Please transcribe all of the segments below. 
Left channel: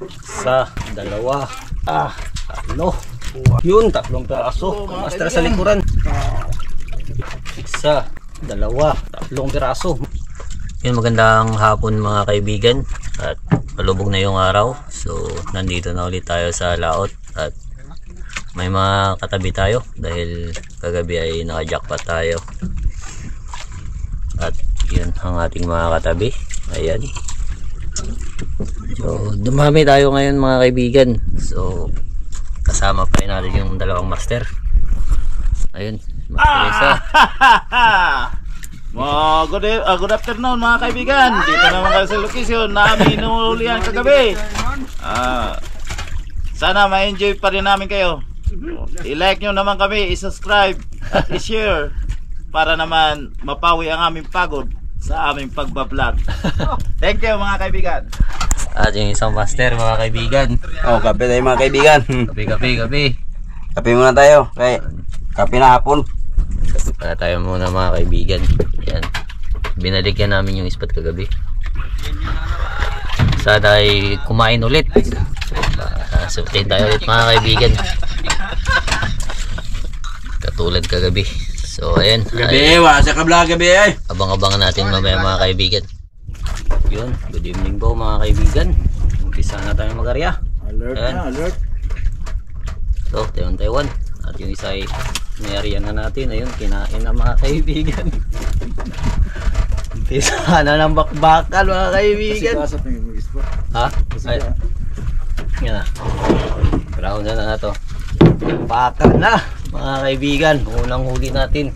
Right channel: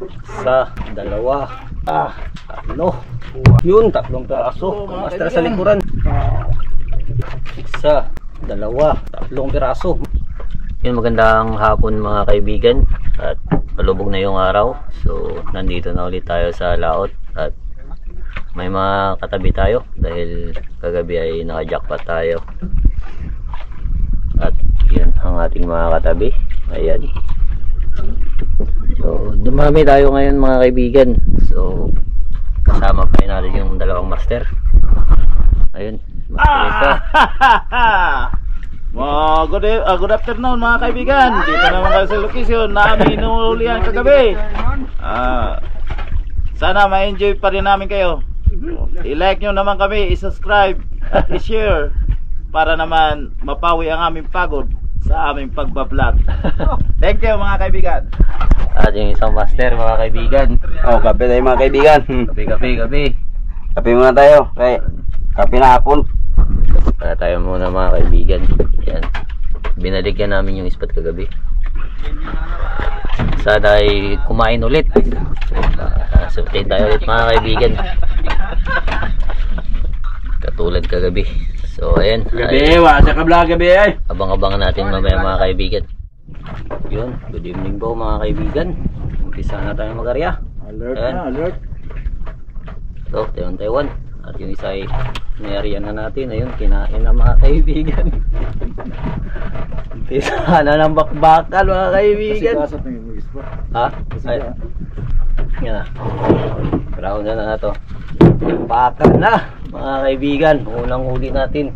Isa, dalawa, tatlo. Yun, tatlong piraso. Master sa likuran. Isa, dalawa, tatlong piraso. Yun, magandang hapon mga kaibigan. At palubog na yung araw. So, nandito na ulit tayo sa laot. At may mga katabi tayo. Dahil kagabi ay naka-jackpot tayo. At yun ang ating mga katabi. Ayan. So, dumami tayo ngayon mga kaibigan. So, kasama pa rin natin yung dalawang master. Ayun, master isa. Good afternoon mga kaibigan. Dito naman kayo sa location na aming inuulihan kagabi. Sana ma-enjoy pa rin namin kayo. I-like nyo naman kami, i-subscribe at i-share para naman mapawi ang aming pagod sa aming pagbablog. Thank you mga kaibigan. At yung isang master mga kaibigan. Kape tayo mga kaibigan. Kape. Kape muna tayo. Okay. Kape na hapon. Para tayo muna mga kaibigan. Yan. Binaligyan namin yung ispat kagabi. Sana ay kumain ulit. Sutin tayo ulit mga kaibigan. Katulad kagabi. So ayan. Gabi, wala sa kabla gabi ay. Abang-abangan natin mamaya mga kaibigan. Yun, good evening po mga kaibigan. Umpisa na tayo mag-arya. Alert ayan. na, alert. So, Taiwan. At yung isa ay may-arya na natin. Ayun, kinain na mga kaibigan. Umpisa na ng bakbakan mga kaibigan. Ha? Ay. Yan na. Ground na to. Bakbakan na mga kaibigan. Unang huli natin.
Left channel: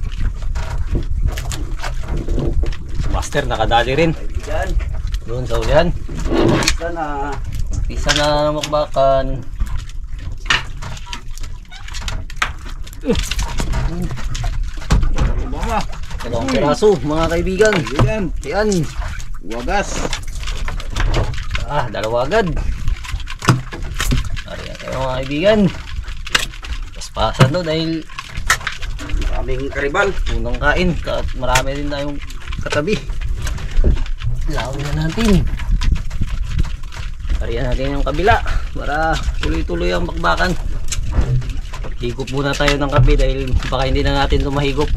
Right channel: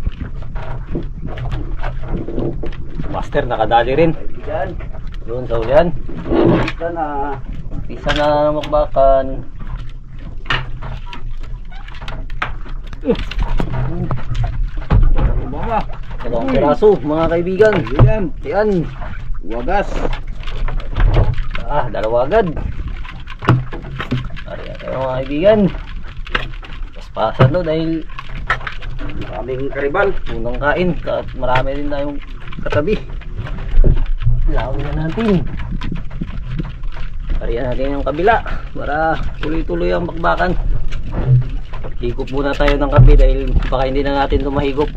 Master nakadali rin. Doon sa ulihan. Umpisa na makbakan. Dalawang piraso mga kaibigan. Yan. Wagas. Dalawa agad. Ariyan tayo mga kaibigan. Paspasan no dahil Maraming karibal. unang kain. At marami din tayong katabi. Lawin na natin. Ariyan natin yung kabila para tuloy-tuloy ang bakbakan. Higop muna tayo ng kape dahil baka hindi na natin ito mahigop.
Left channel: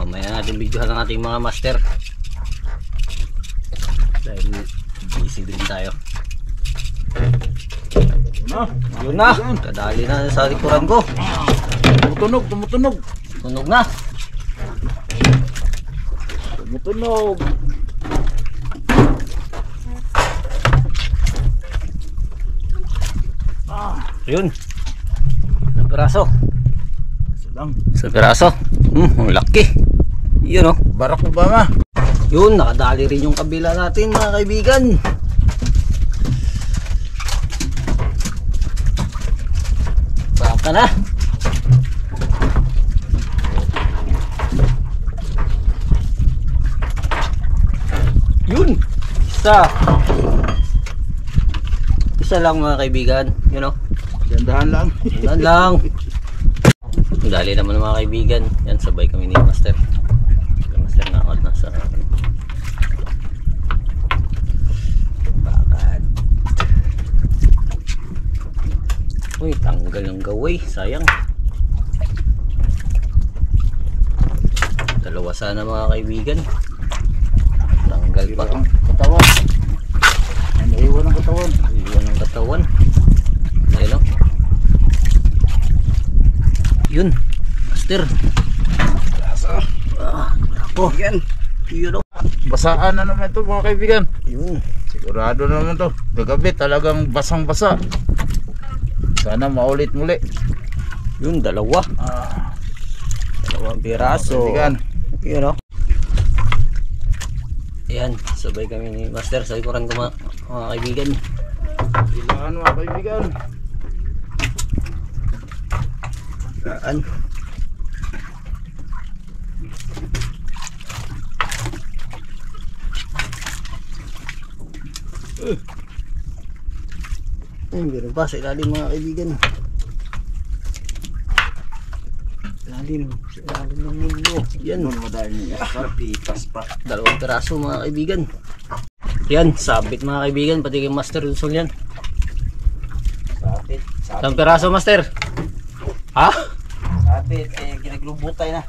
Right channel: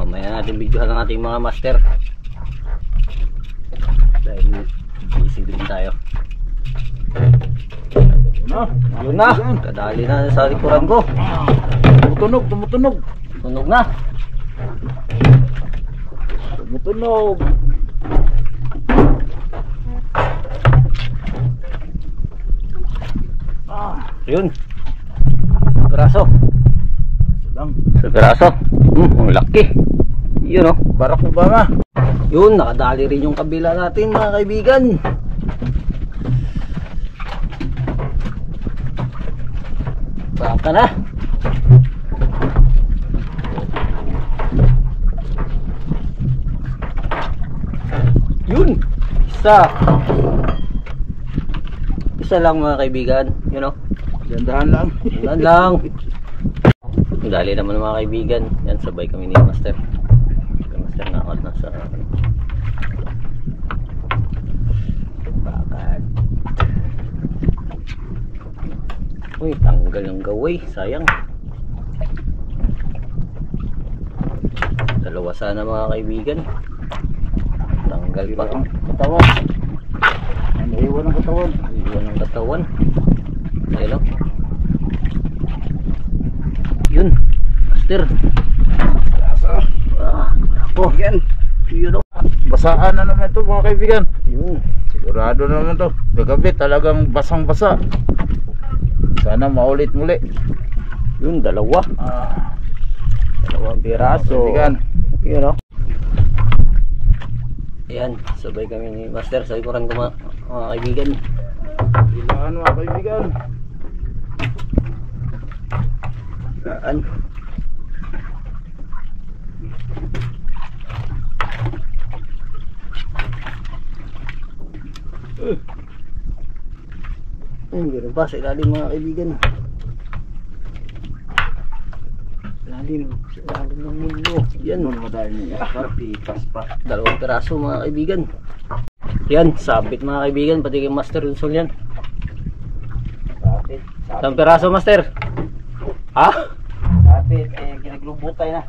Mamaya natin videohan ang ating mga master dahil busy din tayo. Yun na, kadali na sa likuran ko. Tumutunog. Tunog na. Tumutunog. Yun. Piraso. Sa piraso. Ang laki. Yun oh. Barack Obama. Yun, nakadali rin yung kabila natin mga kaibigan. Baka na. Yun. Isa lang mga kaibigan. You know. Gandahan lang. Yan lang. Dali naman mga kaibigan. Yan, sabay kami ni Master. Master na out na sa bakad. Uy, tanggal yung gaway. Sayang. Dalawa sana mga kaibigan. Tanggal pa. Katawan. Naiwan ang katawan. Iwan ang katawan. Ayun o. Yun. Master. Ako. Yan. Yun o. Basaan na naman ito mga kaibigan. Yun. Sigurado na naman to. Gagabi talagang basang-basa. Sana maulit muli. Yun, dalawa. Dalawang piraso. Kaibigan. Yun o. Ayan, sabay kami ni Master sa likuran ko mga kaibigan. Ilaan mga kaibigan. Saan? Meron pa sa ilalim mga kaibigan. ilalim. Sa ilalim ng mundo. Yan. Doon madami niya. Pitas pa. Dalawang piraso mga kaibigan. Yan, sabit mga kaibigan. Pati kay Master Rizal yan. Sapit. Isang piraso, Master. Ha? Sapit. Eh, kinaglubutay na.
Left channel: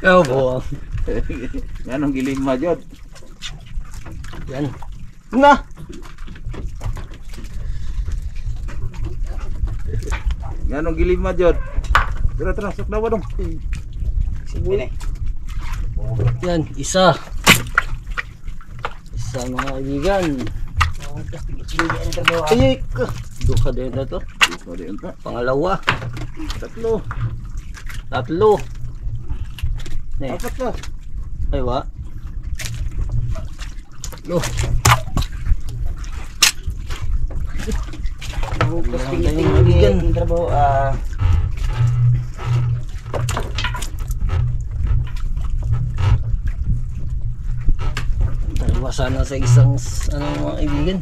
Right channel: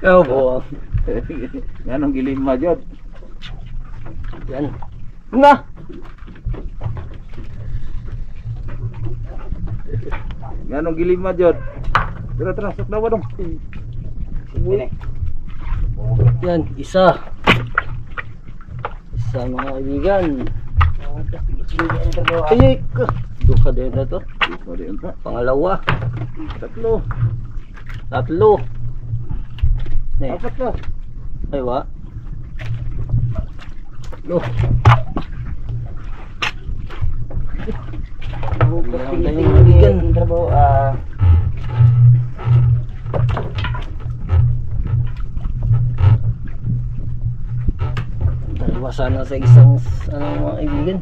Ikaw buwang. Yan ang giling majod. Yan. Na! Yan ang giling majod. Tara, saklawa dong. Sige. Yan, isa. Isa mga kaibigan. Ay, duka din na to. Pangalawa. Tatlo. Tatlo. Ne, Apat na. ay wa. Lo. Bukas Yan, tingin mga kaibigan. trabaho. Dalawa sana sa isang mga kaibigan.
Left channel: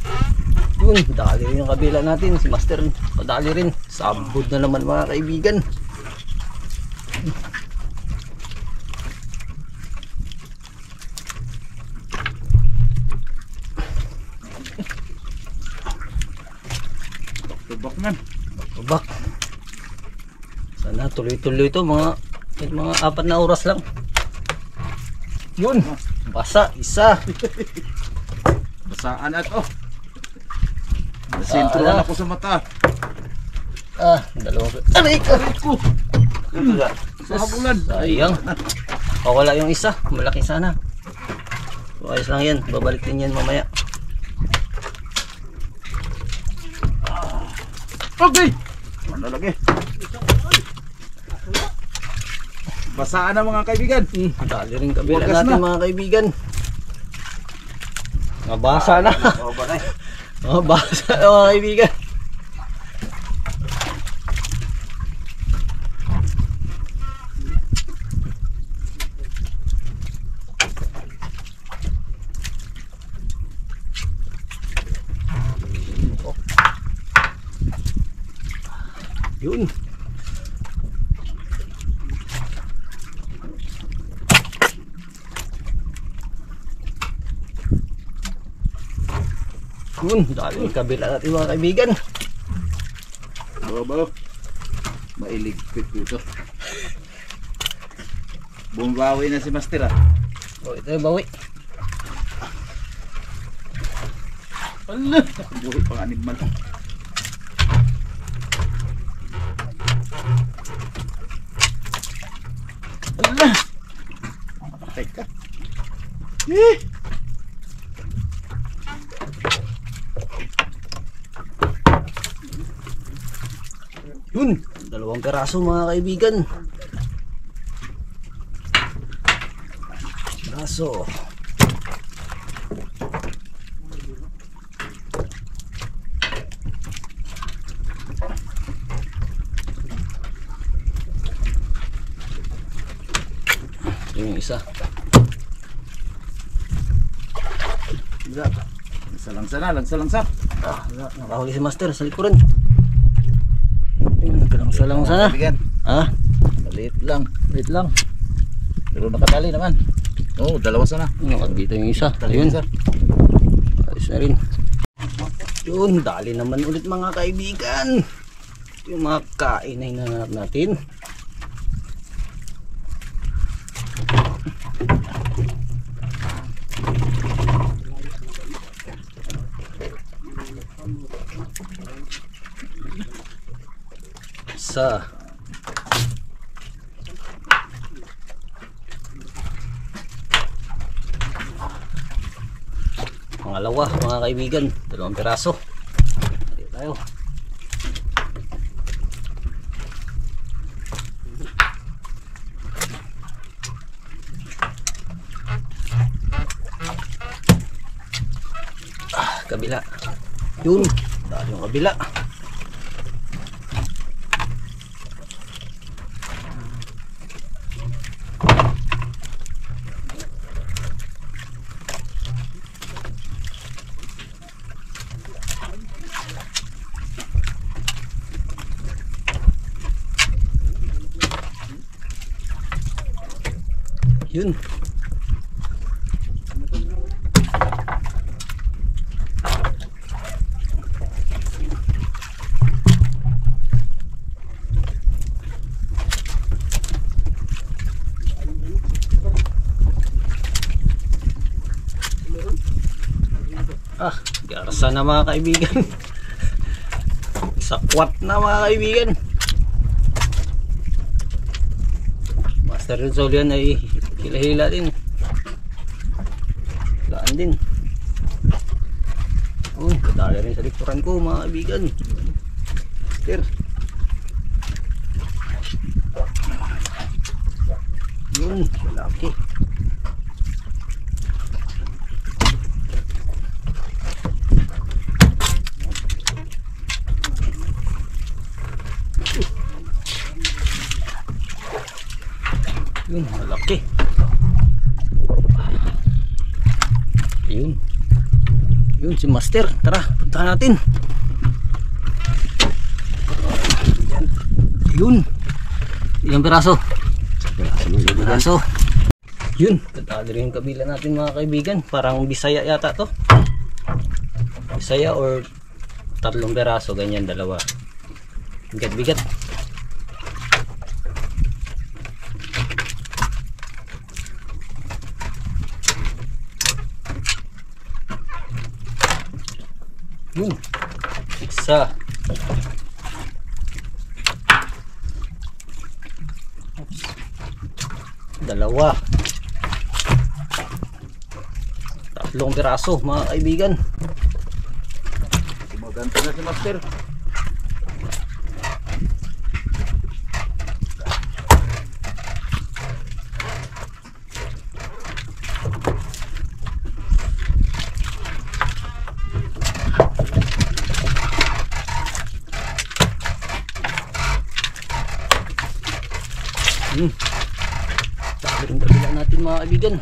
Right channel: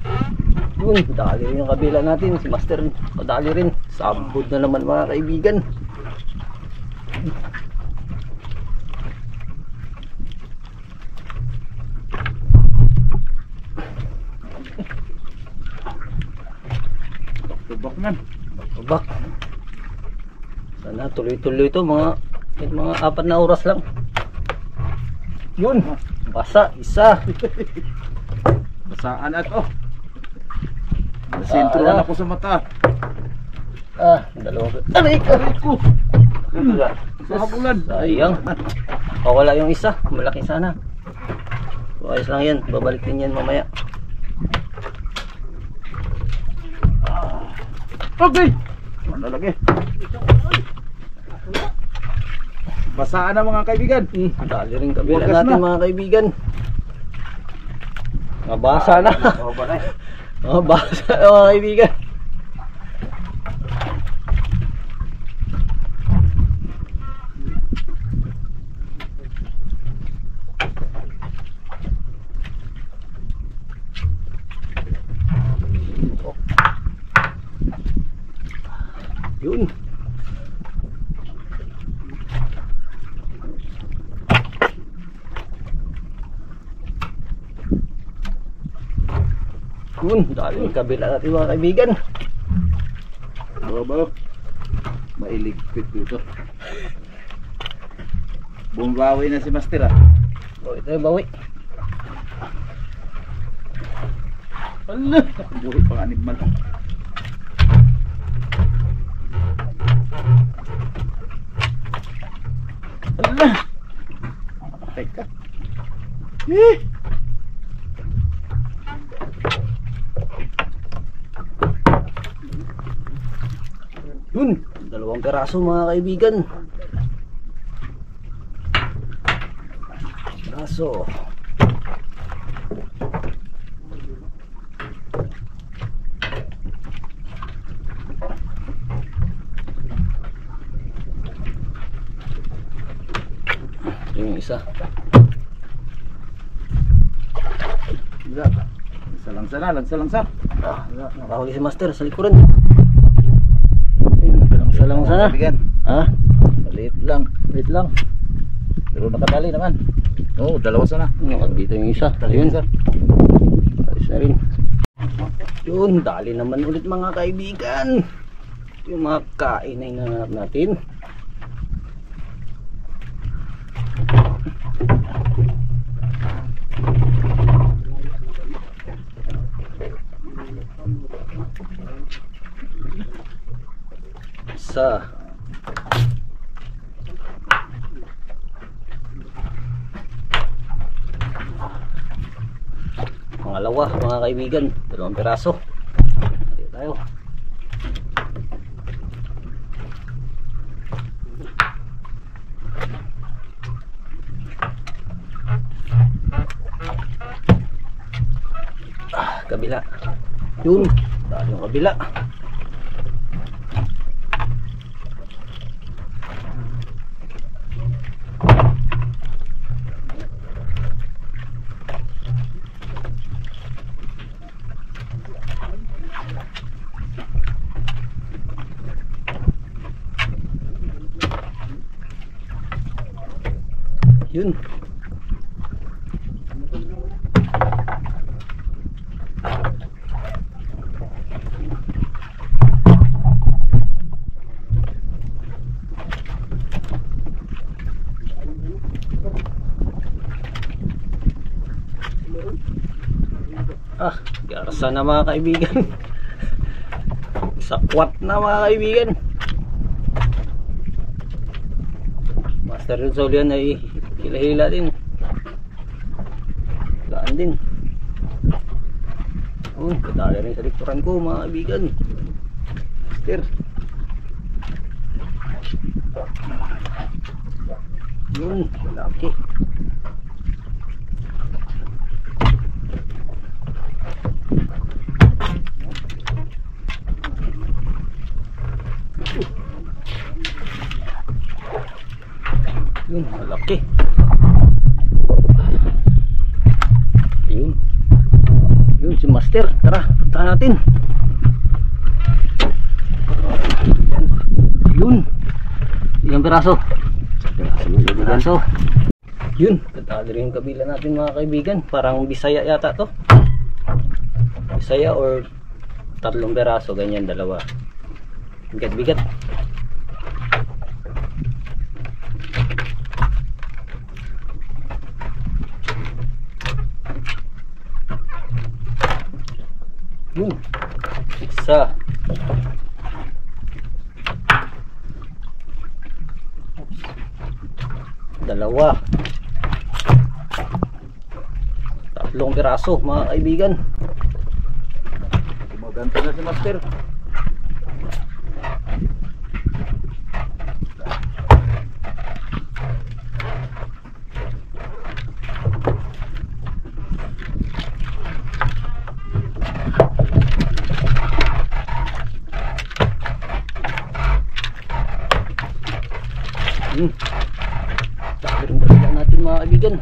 Yun, dali rin yung kabila natin. Si Master, dali rin. Sabod na naman mga kaibigan. Tubak man. Babak. Sana tuloy-tuloy ito mga 4 na oras lang. Yun. Basa, isa. Basaan at oh. Nasintuhan ako sa mata. Dalawa. Aray ko. Sa habulan. Sayang. Wala yung isa. Malaki sana. So, ayos lang yan. Babalik din yan mamaya. Okay. Ano lagi? Basaan na mga kaibigan. Dali rin kabila Wagas natin na. mga kaibigan. Mabasa na. Oh, bakay. Mabasa na mga kaibigan. Yun. Yun, dali kabila natin mga kaibigan. Baba. Mailigpit dito. Bumbawi na si Master ah. O, ito yung bawi. Ala, buhay pang animal. Ala. Teka. Yun, dalawang peraso mga kaibigan. Peraso. Ito yung isa. Langsa. Nakahuli si Master sa likuran. Ayun, nagkalang-salang sana. Kaibigan, Ha? maliit lang. Wait lang. Pero nakadali naman. Oo, dalawa sana. Dito yung isa. Ayun. Sir. Ayos na rin. Yun, dali naman ulit mga kaibigan. Ito yung mga kain na hinahanap natin. Isa. Pangalawa mga kaibigan, 2 piraso. Dito tayo. Kabila. Yun, dali yung kabila. Yun. Garsa na mga kaibigan. Sakwat na mga kaibigan. Master Rizal yan ay hila-hila din. Laan din. Kadali rin sa likuran ko mga kaibigan. Master. Yun, malaki. Yun, malaki. Yun. Yun si Master. Tara, puntahan natin. Yun. Ilang piraso? Piraso. Yun, katali rin yung kabila natin mga kaibigan. Parang Bisaya yata to. Bisaya or 3 piraso, ganyan, 2. Bigat-bigat. Yun, 1. Dalawa. 3 piraso mga kaibigan. Gumaganta na si Master. Sabi rin kabila natin mga kaibigan.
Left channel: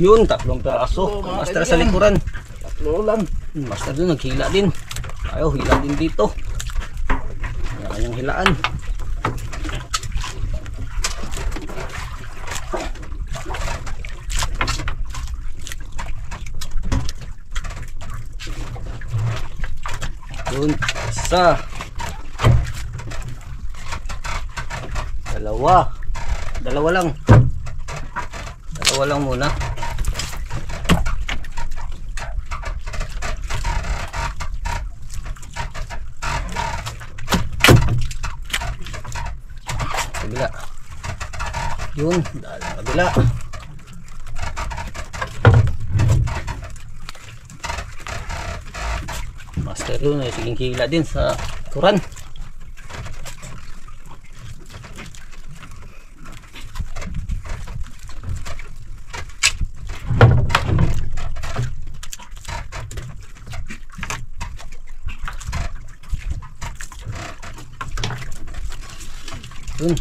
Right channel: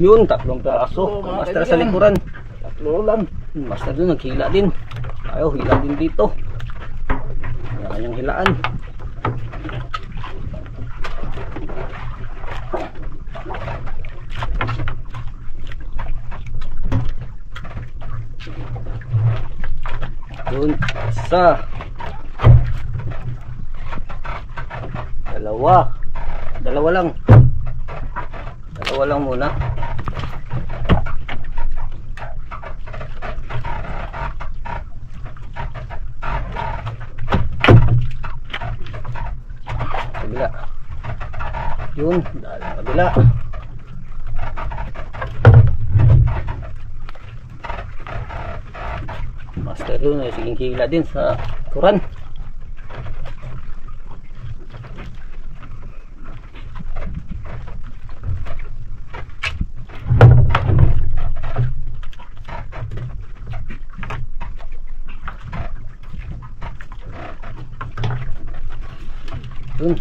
Yun, 3 piraso. Master sa likuran. 3 lang. Master doon naghila din. Ayaw, hila din dito. Kanyang hilaan. Yun, 1. 2. 2 lang. 2 lang muna. Kabila. Yun, dahil ang kabila. Master doon ay siging hila din sa kuran. Yun.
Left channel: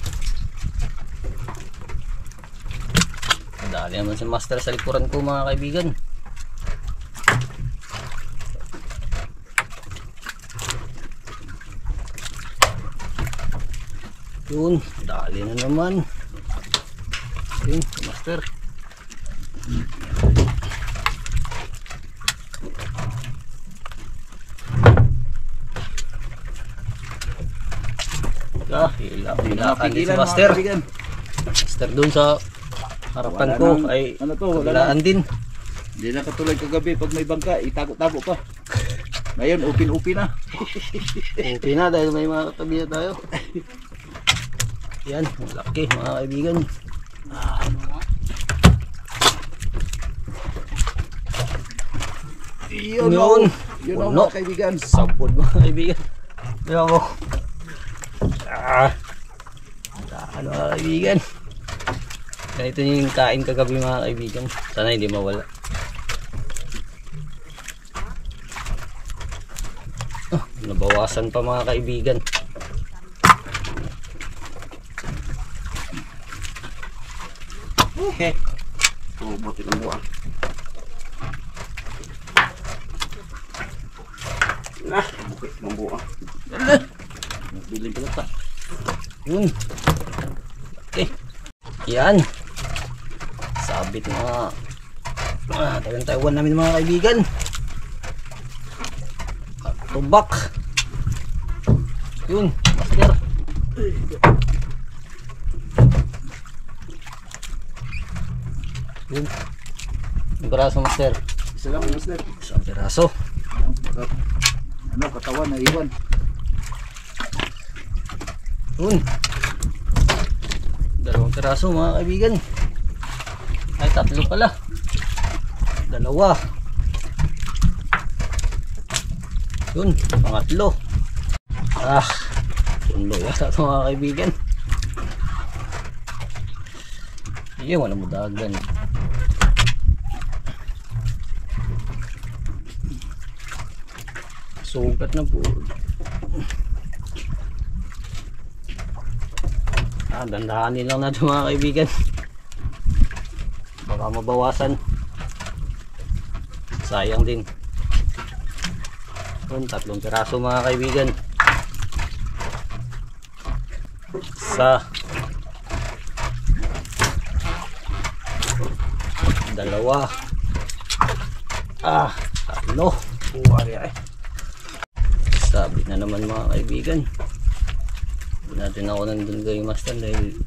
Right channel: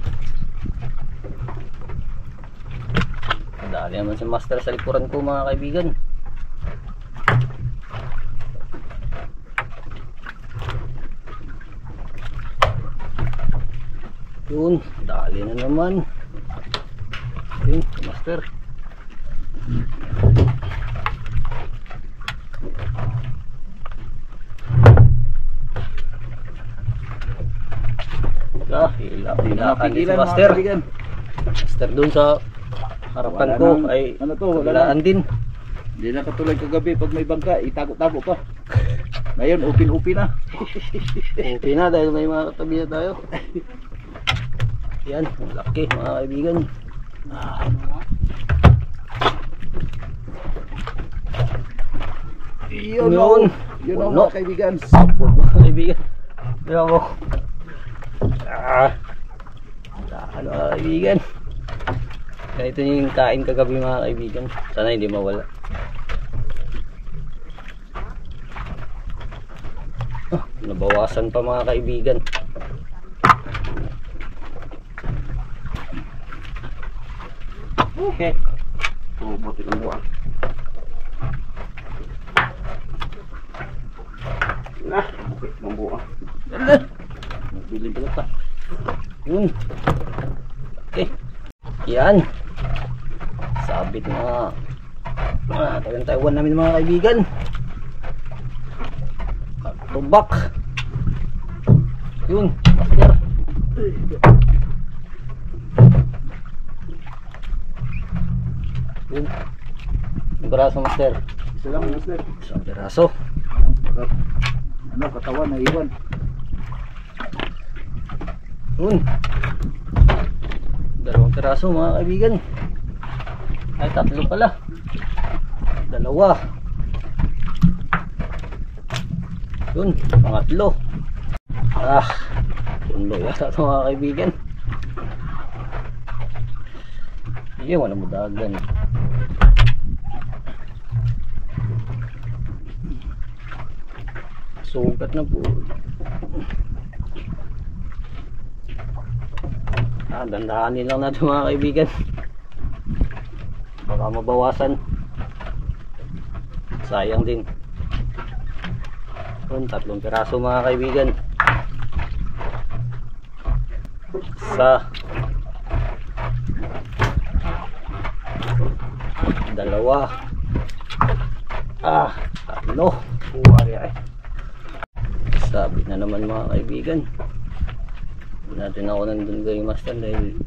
Dali naman si Master sa likuran ko mga kaibigan. Yun, dali na naman. Yun, si Master. Hilakan din si Master. Master dun sa harapan ko ay kabilaan din. Hindi na katulad kagabi pag may bangka, itago-tago pa. Ngayon, open-open na. Okay na dahil may mga katabi na tayo. Yan, malaki mga kaibigan. Yun ang mga kaibigan. Sapod mga kaibigan. Kaya mo. Ano mga kaibigan. Ganito yung kain kagabi mga kaibigan. Sana hindi mawala. nabawasan pa mga kaibigan. Okay. Buti ng buwan. Nah, buti ng buwan. Nagbiling pala ta. Yun. Okay. Yan. Sabit mga Taiwan namin mga kaibigan. Tubak. Yun, master. Yun. Yung braso, master. Isa lang, master. Isang braso. Ano, katawan na iwan. Yun. Dalawang piraso mga kaibigan. Ay, tatlo pala. Dalawa. Yun, pangatlo. Tulo yata ito mga kaibigan. Iya, wala mo dagan. Sugat na po. Dandahanin lang natin mga kaibigan. Baka mabawasan. Sayang din. Yun, 3 piraso mga kaibigan. Isa. Dalawa. Tatlo. Sabit na naman mga kaibigan. Hindi natin ako nandun kayo master dahil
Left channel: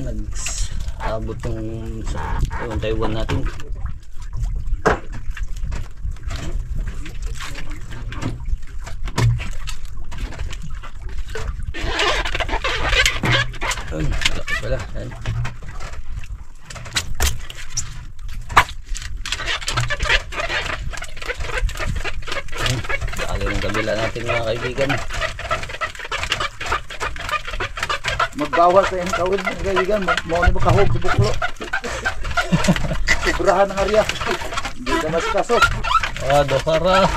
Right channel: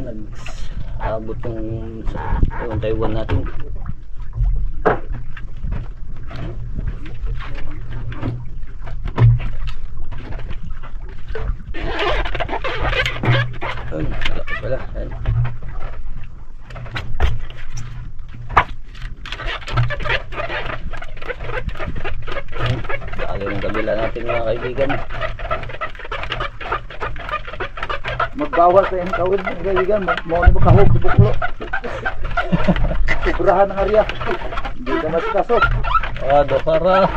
nag-abot yung Taiwan natin. Laki pala. Yan. Dali ng kabila natin mga kaibigan. Magbawal sa iyong kawin mga kaibigan. Mau na makahog sa buklo. Sobrahan ng area. Hindi ka masikasot. Para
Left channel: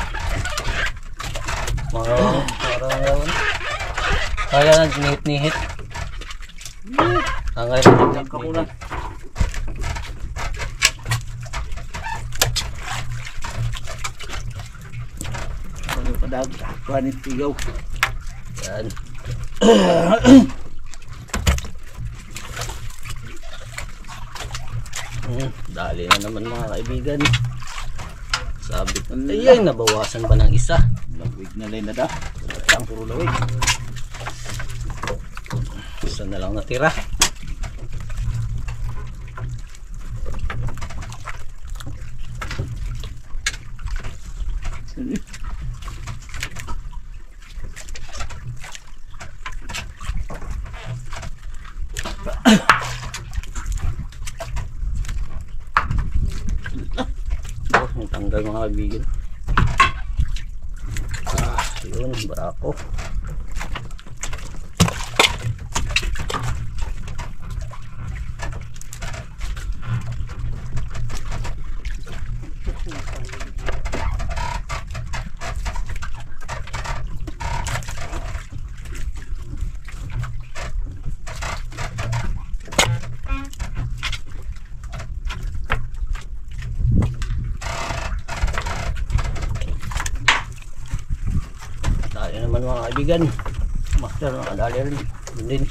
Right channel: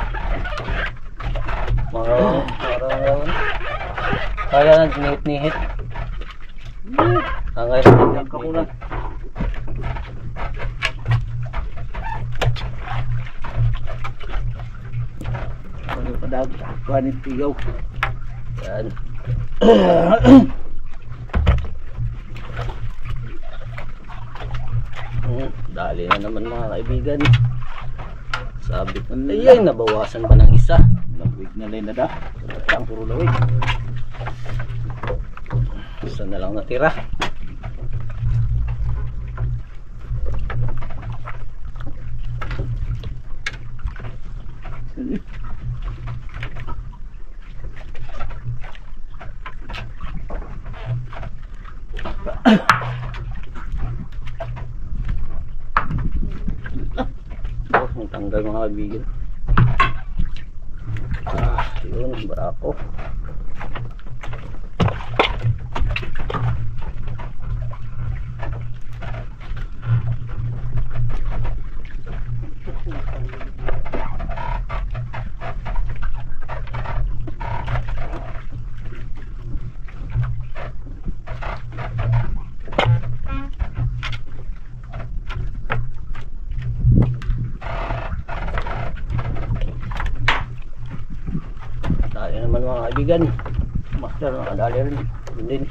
kaya nag-nihit. Ang kaya Kamunan. Ano pa daw? Kuhanin tigaw. yan. Dali na naman mga kaibigan. Sabit na. Ay, nabawasan pa ng isa. Lawig na lang na da. Ang puro lawig. Isa na lang natira. Tanggal mga kaibigan. Yun, barako. Dali naman mga kaibigan. Master, nakadali rin. Yun din.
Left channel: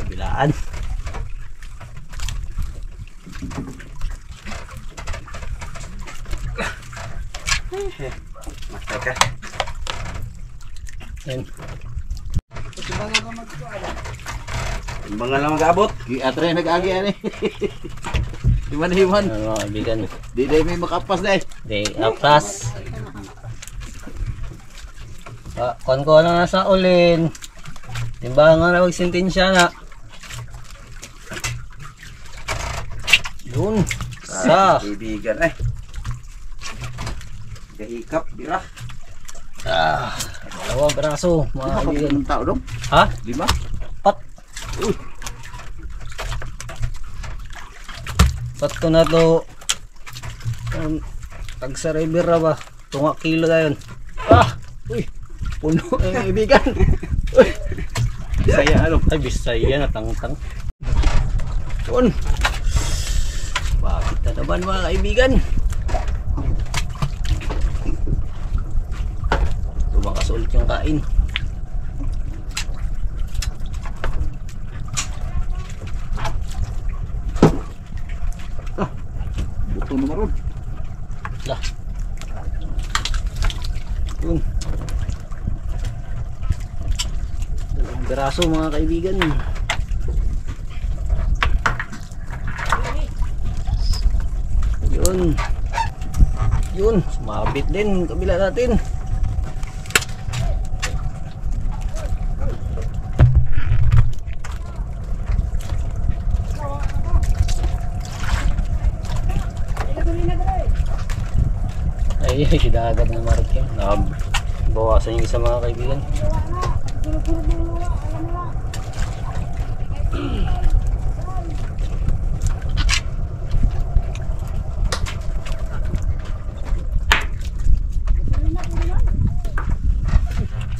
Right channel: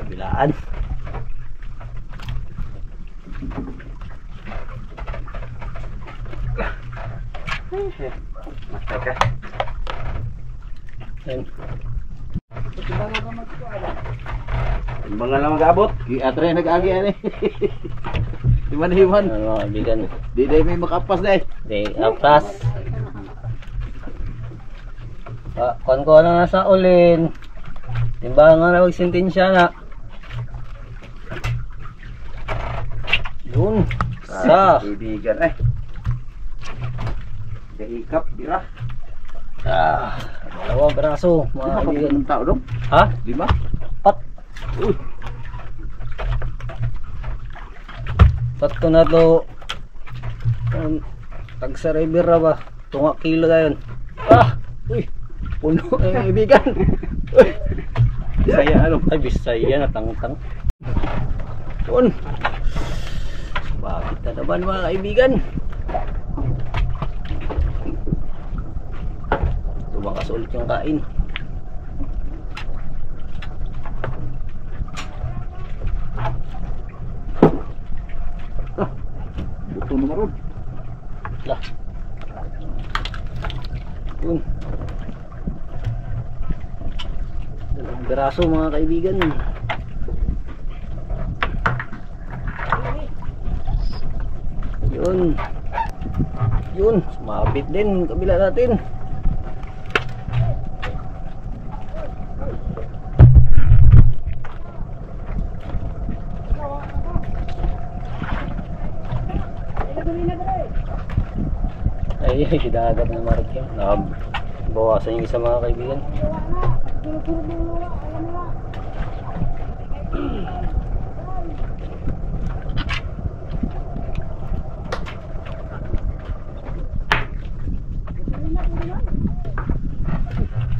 Kabilaan. Master ka. Yan. Timbangan lang mag-abot. Atre nag-agi ani. Himan-himan. Yan mga kaibigan. Di dai may makapas dai. Day apas. Kon ko lang nasa ulin. Timbangan na magsintensya na. Yun. Sa. Kaibigan Gahikap, bira. Dalawang braso mga Lima kaibigan. ka ng tao dong. Ha? 5. Pat. Patko na to. Tag sa river ra ba? Tunga kilo dayon. Ah! Uy! Puno ang ibigan. Uy! Bisaya ano? Ay, Bisaya na tangtang. Yun. Bakit na naman mga kaibigan? Tumakas ulit yung kain. Buto na maroon. Lah. Yun. Dalawang biraso mga kaibigan. Yun. Yun. Sumabit din kabila natin. Ay, dagat na marik yan. Nakabawasan yung isa mga kaibigan.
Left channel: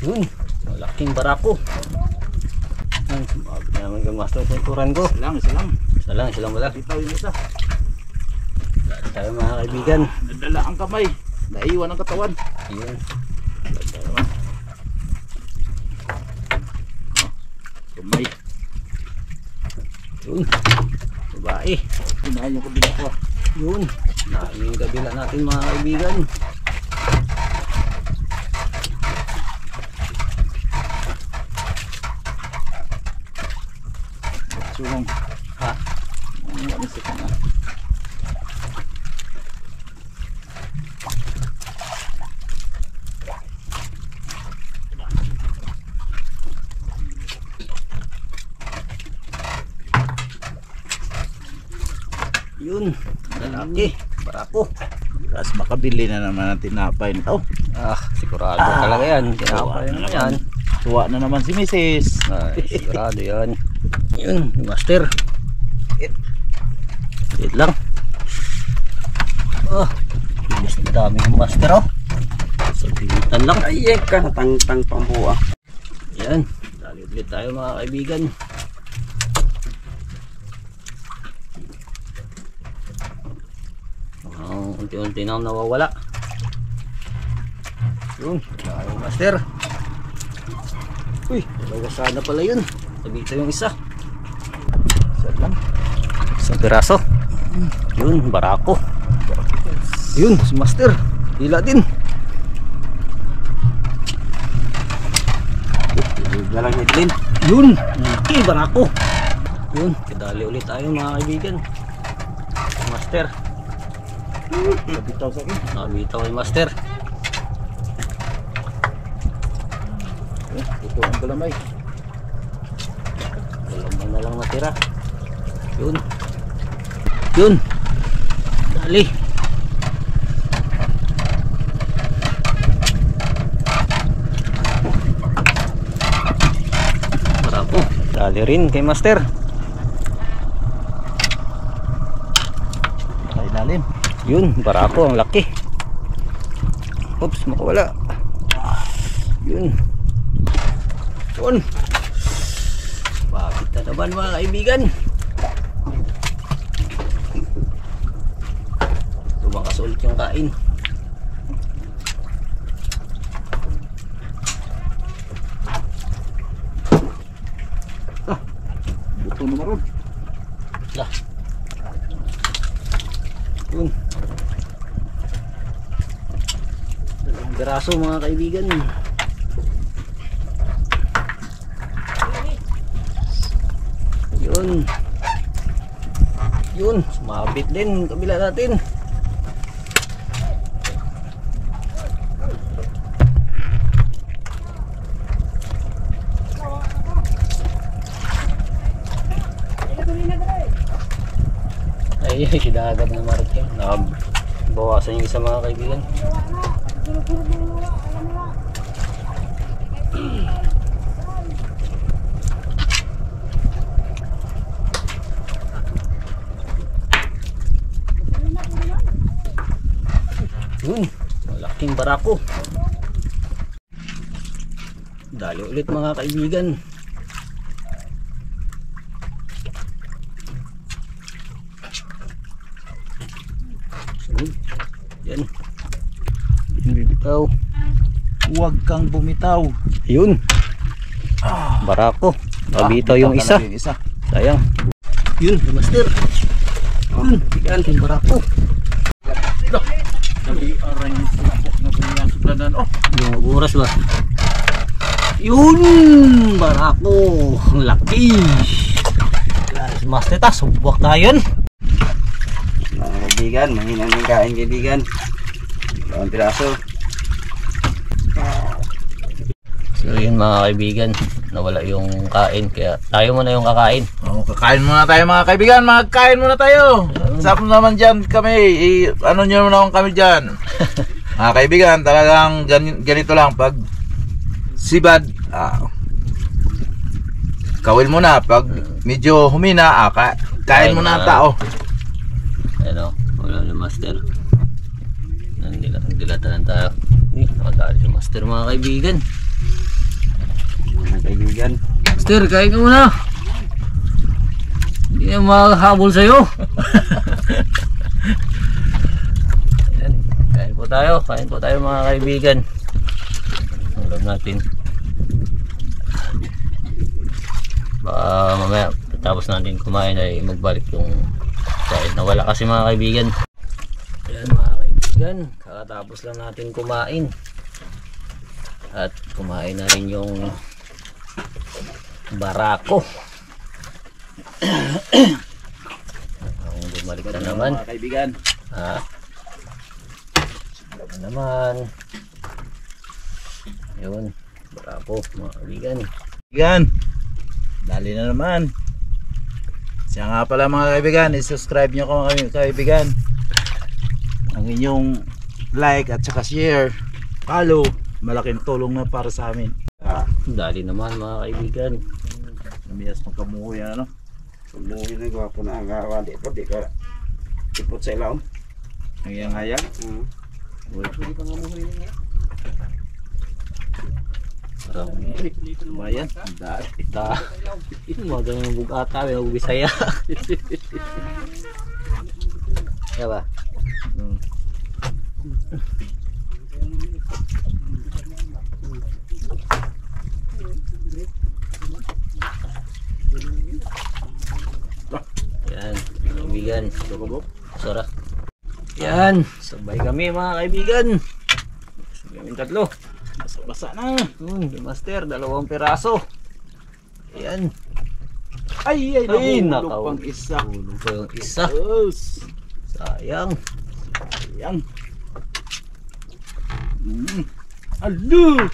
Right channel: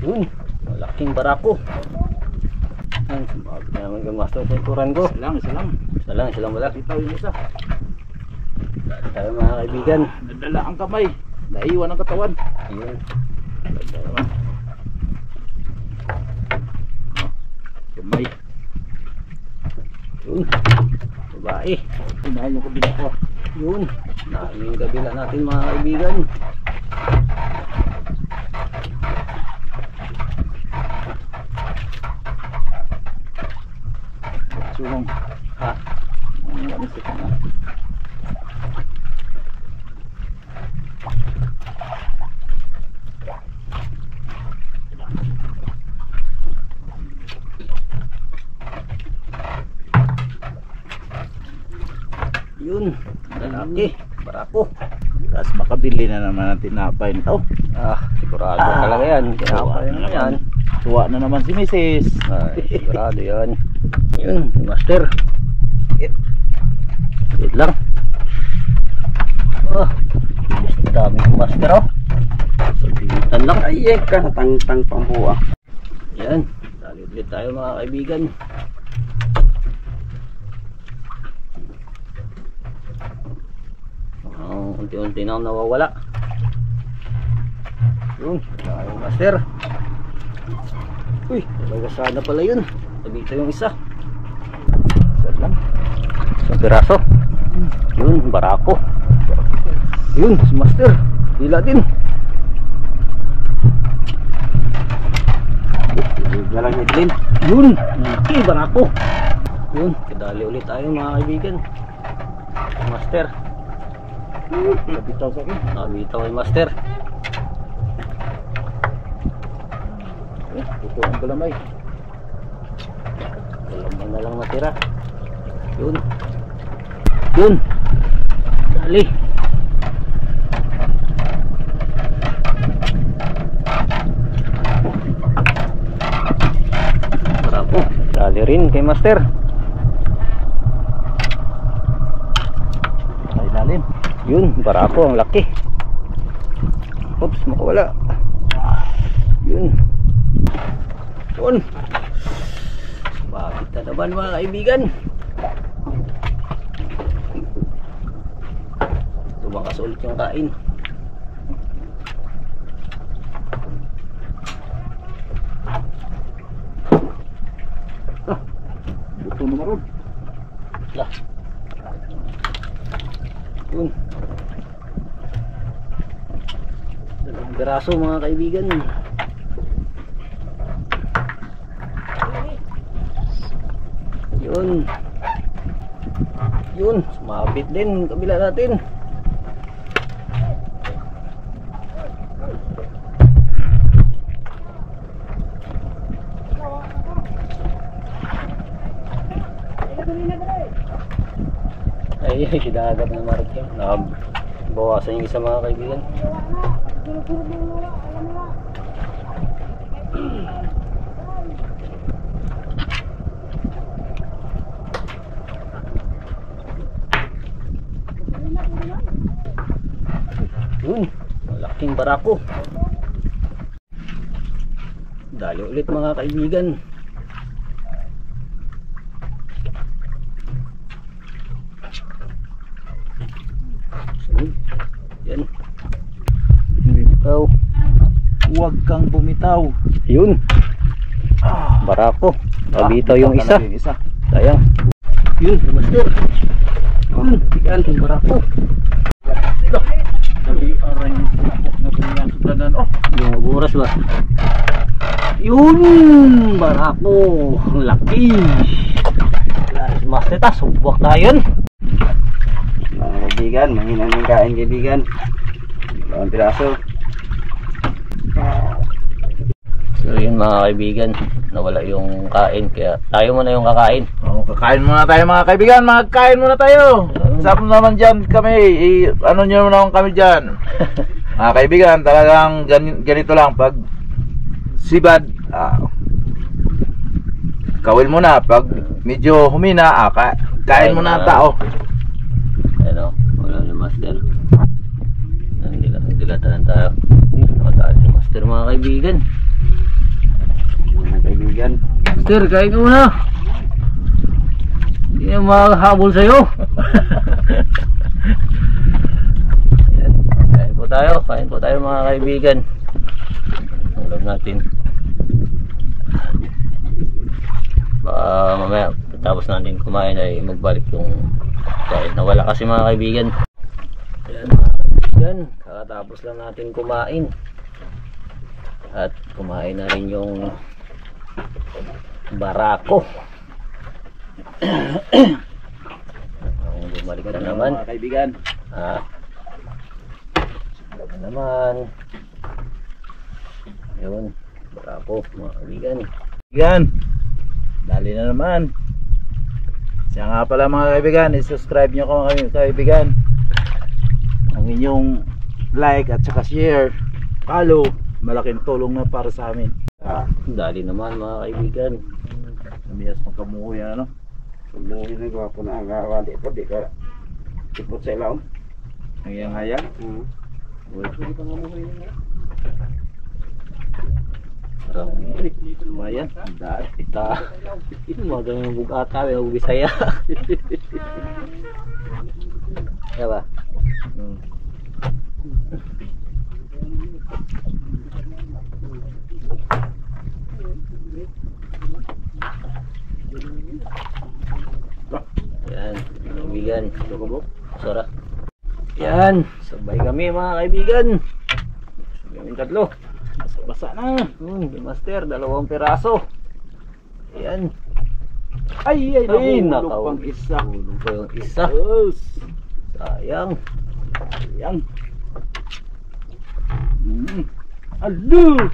Yun, malaking barako. Yan, sumabit naman yung master kulturan ko. Isa lang. Isa lang wala. Bitaw yung isa. Dahil tayo mga kaibigan. Nadala ang kamay. Naiwan ang katawan. Ayun. Kamay. Yun. Babae. Unahin yung kabila ko. Yun. Dami yung kabila natin mga kaibigan. Sulong. Ha? Ano sa kana? Yun. Lalaki. Barako. Tapos makabili na naman ng tinapay nito. Ah, sigurado talaga yan. Kinapa na yan. Tuwa na naman si Mrs. Ay, sigurado yan. Yun, master. Wait lang. Oh, bilis na dami yung master oh. Sabitan lang. Ay, ka natangtang pambuha. Yan, dali ulit tayo mga kaibigan. Unti-unti na nawawala. Yun, tayo master. Uy, talaga sana pala yun. Sabita yung isa. Isa lang. Isang piraso. Yun, barako. Yun, si master. Hila din. Galang hidlin. Yun, okay, barako. Yun, kadali ulit tayo mga kaibigan. Master. Nabitaw sa akin. Nabitaw yung master. Ito ang galamay. Galamay na lang natira. Yun. Yun. Dali. Bravo. Dali rin kay master. Ay lalim. Yun, barako ang laki. Oops, makawala. Yun. Yun. Bakit na naman mga kaibigan? Tumakas ulit yung kain. Buto na maroon. Lah. Yun. Dalawang biraso mga kaibigan. Yun. Yun, sumabit din kabila natin. Ay, dagat na marik yan. Nakabawasan yung isa mga kaibigan. malaking barako. Dali ulit mga kaibigan. Sunod. Yan. Bumitaw. Huwag kang bumitaw. Yun. Barako. Nabitaw yung isa. Yung isa. Sayang. Yun, master. Yun, bigan yung barako. Nabi-aray yung sinapok na ganyan sudanan. Oh, Yung oras ba? Yun, barako. Ang laki. Yes, master ta, subwak na yun. Mga kaibigan, mahina ng kain kaibigan. Dalawang piraso. So yun mga kaibigan, nawala yung kain kaya tayo muna yung kakain. oh, kakain muna tayo mga kaibigan. Magkain muna tayo. Sarap naman dyan kami. Ano nyo naman kami dyan. Mga kaibigan, talagang ganito lang. Pag sibad, kawil muna. Pag medyo humina, kain muna ang tao. Ano, wala na master. Nandilatan tayo. Nakadali yung master mga kaibigan. Mga kaibigan. Master, kain ka muna. Hindi na makahabol sa'yo. Ayan, kain po tayo mga kaibigan. Ulam natin. Baka mamaya tapos natin kumain ay magbalik yung kain. Nawala kasi mga kaibigan. Ayan mga kaibigan, kakatapos lang natin kumain. At kumain na rin yung barako. Ang bumalik na naman. Mga kaibigan. Naman. Yun, barako mga kaibigan. Kaibigan, dali na naman. Siya nga pala mga kaibigan, i-subscribe nyo ko mga kaibigan. Ang inyong like at saka share, follow, malaking tulong na para sa amin. Dali naman mga kaibigan. Namiyas magkamuho yan ano. Sumuhin na gawa po na. Wali po, di ka ipot sa ilaw. Ang iyang haya. Parang Bayan, ang daan. ita. Mga ganyan bugata, may Bisaya. Kaya ba? Yan, kaibigan. Sarap. Yan, sabay kami mga kaibigan. Sabay kami tatlo. Basa na. Master, 2 piraso. Ayan. Ay, nahulog nakaw. pang isa. Hulog pa yung isa. Yes. Sayang. Ayan. Alo!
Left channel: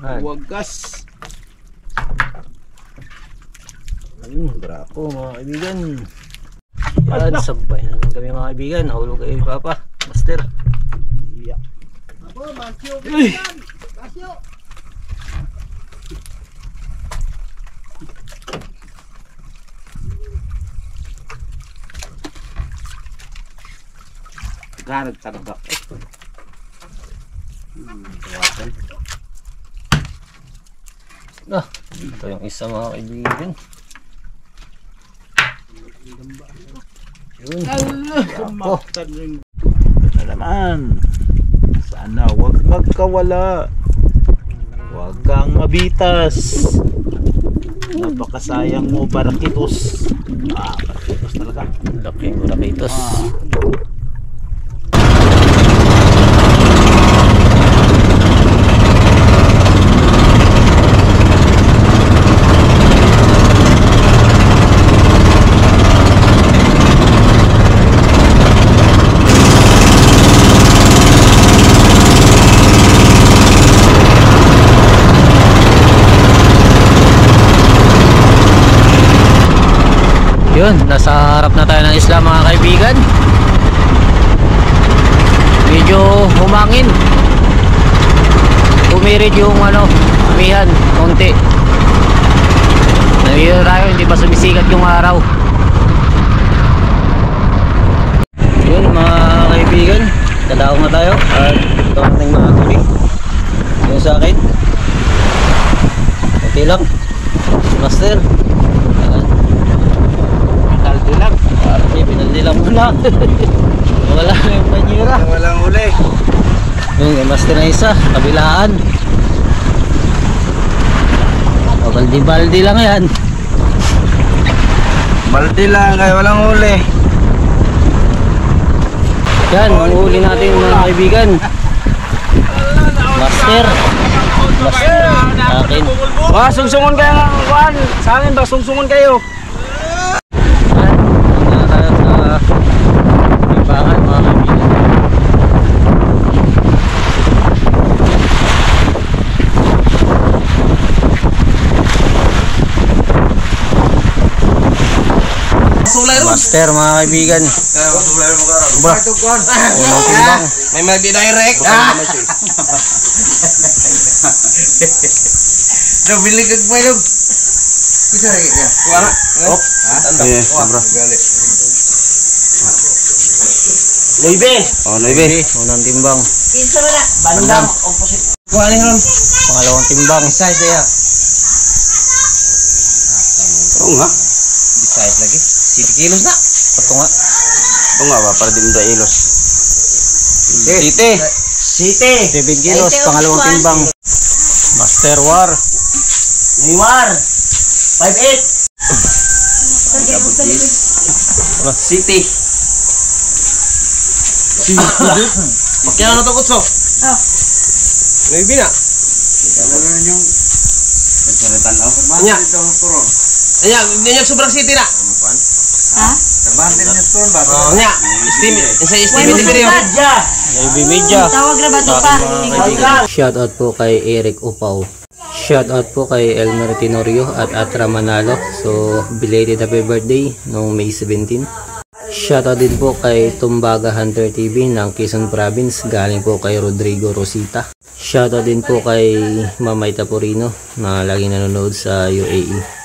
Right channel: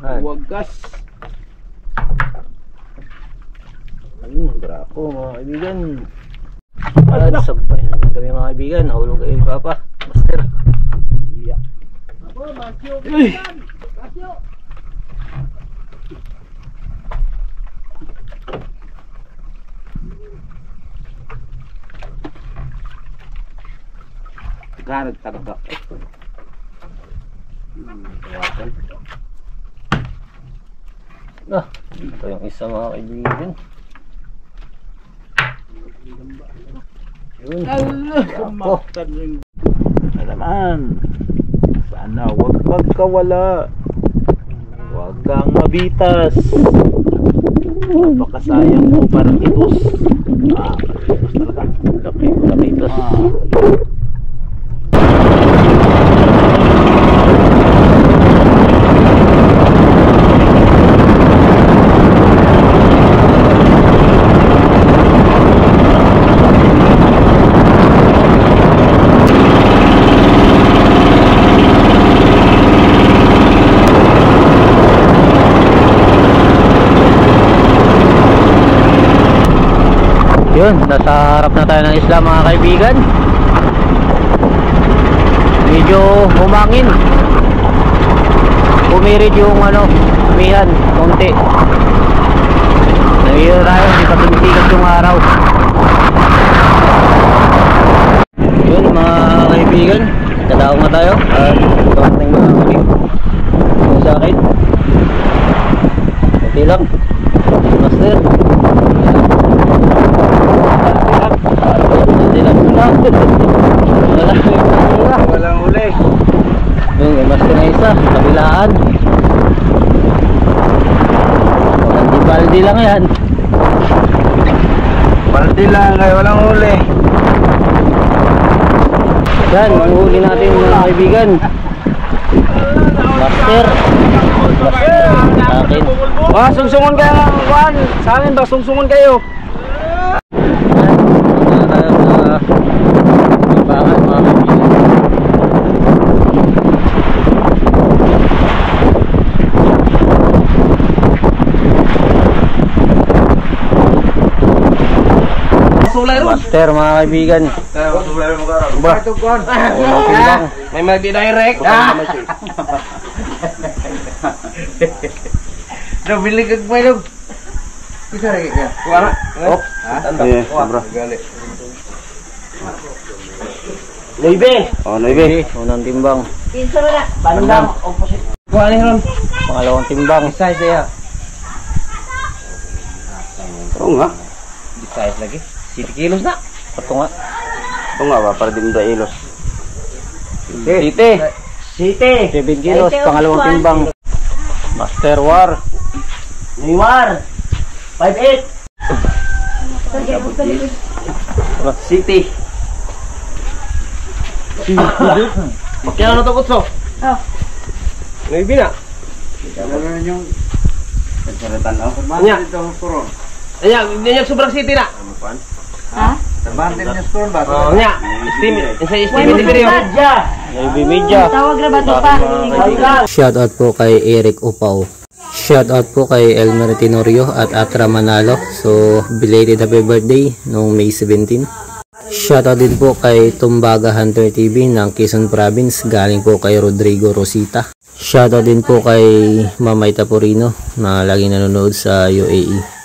Wagas. Ayun, brako mga kaibigan. At sabay naman kami mga kaibigan. Nahulog kayo ni Papa. Master. Yeah. Uy! Nagtagdak. Ito yung isa mga kaibigan. Yun. Kumaktan yung na naman. Sana wag magkawala. Wag kang mabitas. Napakasayang mo parang itos. Itos talaga. Laki ko na itos. Yun, nasa harap na tayo ng isla mga kaibigan. Medyo humangin. Pumirid yung amihan, konti. Nahihiro tayo, hindi pa sumisikat yung araw. Yun mga kaibigan, tatawag na tayo. At ito ating mga huli. Yung sa akin. Okay lang. Master. Dilag na. Wala yung panira. Walang uli. Yung master na isa. Kabilaan. Baldi lang yan. Baldi lang kaya walang uli. Yan, ang huli natin mga kaibigan. Master. Master. Sa akin. Sungsungon kayo ng kuhan. Sa amin ba, sungsungon kayo. Yan, mga kaibigan mga kaibigan. Master mga kaibigan. May mag-direct. Bilig kag may dog. Isa rin ka. Kuha. Oh. Iya, bro. Noibe. Oh, noibe. Unang timbang. Isa na na. Bandang. Kuha ni ron. Pangalawang timbang. Size dia. Oo nga. Size lagi. 7 kilos na. Ito nga. Oo nga ba para di mo ilos. Siti. Siti. 7 kilos, pangalawang timbang. Master War. Neymar. 5'8". Siti. Kaya ano to kutso? Oh. Noibi na. Yung pagsalatan ako. Anya. Anya sobrang city na. Ha? Bandin niya store ba? Oh, nya. Steam ni video. Navy Media. Tawag na ba ito pa? Shoutout po kay Eric Upaw. Shoutout po kay Elmer Tenorio at Atra Manalo. So, belated happy birthday noong May 17. Shoutout din po kay Tumbaga Hunter TV ng Quezon Province. Galing po kay Rodrigo Rosita. Shoutout din po kay Mamay Tapurino na laging nanonood sa UAE.